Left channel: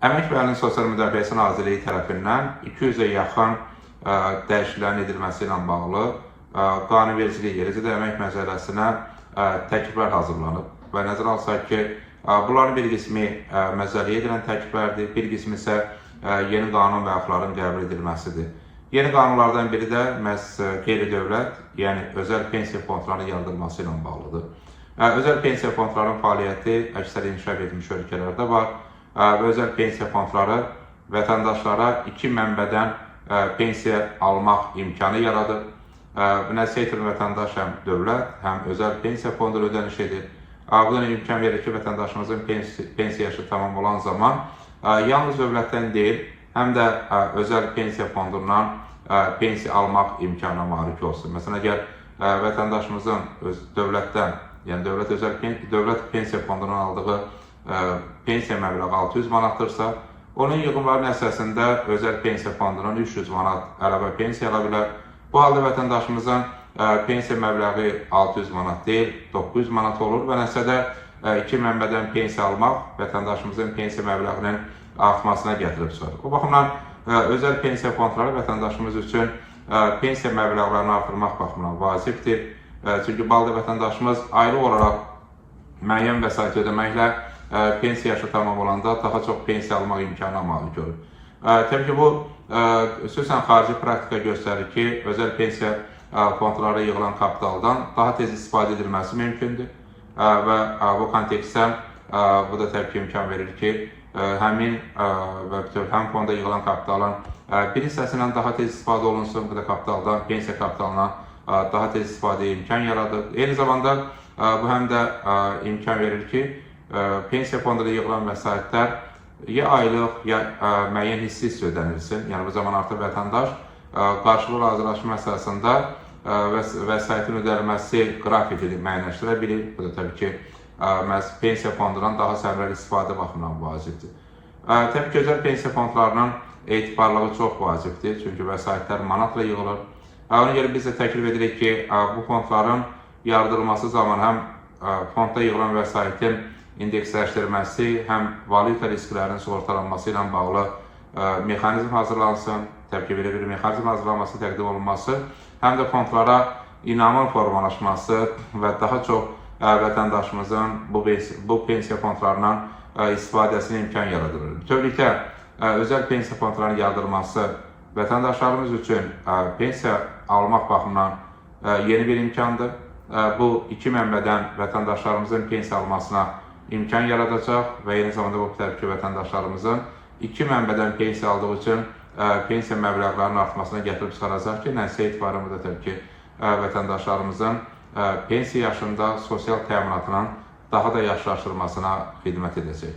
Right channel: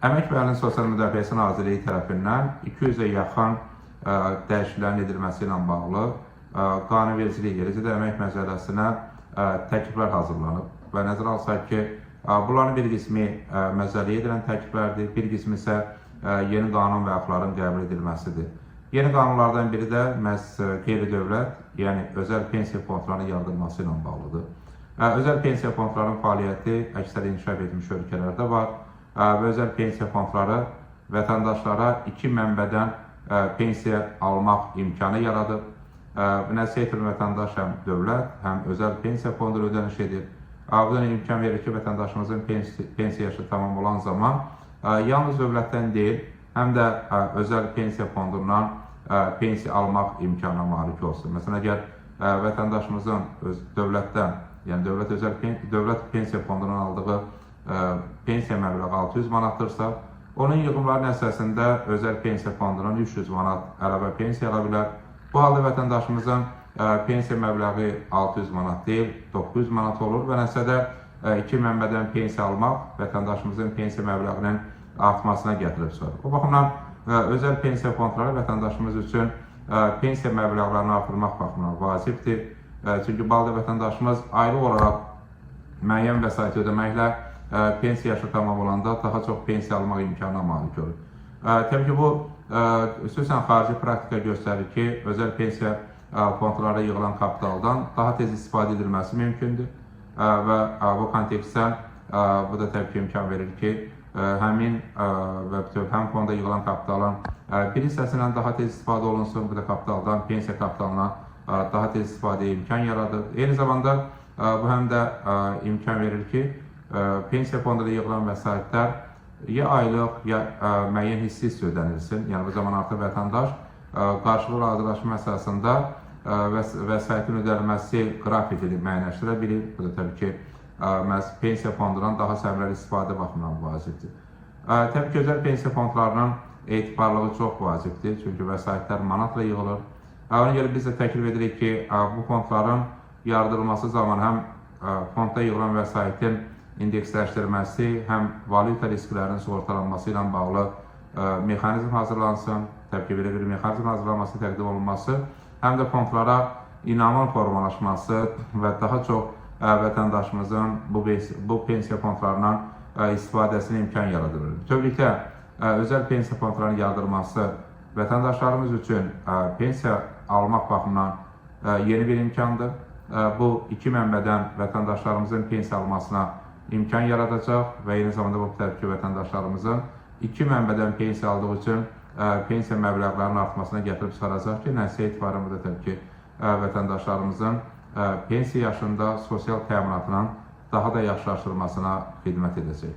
Əmək və Əhalinin Sosial Müdafiəsi Nazirliyi tərəfindən 200-ə yaxın dəyişikliklərin edilməsi ilə bağlı qanunvericiliyi yerəcədə əmək məcəlləsinə təkliflər hazırlanıb və nəzərə alsaq ki, bunların bir qismi məcəlləyə edilən təkliflərdir, bir qismi isə yeni qanun və axtların qəbul edilməsidir. Yeni qanunlardan biri də məhz qeyri-dövlət, yəni özəl pensiya fondlarının yaradılması ilə bağlıdır. Özəl pensiya fondlarının fəaliyyəti əksər inkişaf etmiş ölkələrdə var və özəl pensiya fondları vətəndaşlara iki mənbədən pensiya almaq imkanı yaradır. Nəticə itirir vətəndaş həm dövlət, həm özəl pensiya fonduna ödəniş edir. Bu da imkan verir ki, vətəndaşımızın pensiya yaşı tamam olan zaman yalnız dövlətdən deyil, həm də özəl pensiya fondundan pensiya almaq imkanına malik olsun. Məsələn, əgər vətəndaşımızın dövlətdən, yəni dövlət pensiya fondundan aldığı pensiya məbləği 600 manatdırsa, onun yığımlarının əsasında özəl pensiya fondundan 300 manat əlavə pensiya ala bilər. Bu halda vətəndaşımızın pensiya məbləği 600 manat deyil, 900 manat olur və nəticədə iki mənbədən pensiya almaq vətəndaşımızın pensiya məbləğinin artmasına gətirib çıxarır. Bu baxımdan özəl pensiya fondları vətəndaşımız üçün pensiya məbləğlərini artırmaq baxımından vacibdir. Çünki balda vətəndaşımız aylıq olaraq müəyyən vəsait ödəməklə pensiya yaşı tamam olanda daha çox pensiya almaq imkanına malik olur. Təbii ki, bu xüsusən xarici praktika göstərir ki, özəl pensiya fondlara yığılan kapitaldan daha tez istifadə edilməsi mümkündür və bu kontekstdə bu da təbii ki, imkan verir ki, həmin və həm fonda yığılan kapitalın bir hissəsindən daha tez istifadə olunsun, bu da kapitaldan, pensiya kapitalına daha tez istifadəyə imkan yaradır. Eyni zamanda bu həm də imkan verir ki, pensiya fonduna yığılan vəsaitlər ya aylıq, ya müəyyən hissi ödənilsin. Yəni bu zaman artıq vətəndaş qarşılıqlı razılaşma əsasında vəsaitin ödənilməsi qrafikini müəyyənləşdirə bilir. Bu da təbii ki, məhz pensiya fondundan daha səmərəli istifadə baxımından vacibdir. Təbii ki, özəl pensiya fondlarının etibarlığı çox vacibdir, çünki vəsaitlər manatla yığılır. Ona görə biz də təklif edirik ki, bu fondların yaradılması zaman həm fondda yığılan vəsaitin indeksləşdirilməsi, həm valyuta risklərinin sığortalanması ilə bağlı mexanizm hazırlansın, təbii ki, belə bir mexanizm hazırlanması təqdim olunması, həm də fondlara inamın formalaşması və daha çox vətəndaşımızın bu pensiya fondlarından istifadəsinə imkan yaradılır. Bütövlükdə, özəl pensiya fondlarının yaradılması vətəndaşlarımız üçün pensiya almaq baxımından yeni bir imkandır. Bu iki mənbədən vətəndaşlarımızın pensiya almasına imkan yaradacaq və eyni zamanda bu təbii ki, vətəndaşlarımızın iki mənbədən pensiya aldığı üçün pensiya məbləğlərinin artmasına gətirib çıxaracaq ki, nəticə etibarı da təbii ki, vətəndaşlarımızın pensiya yaşında sosial təminatının daha da yaxşılaşdırılmasına xidmət edəcək.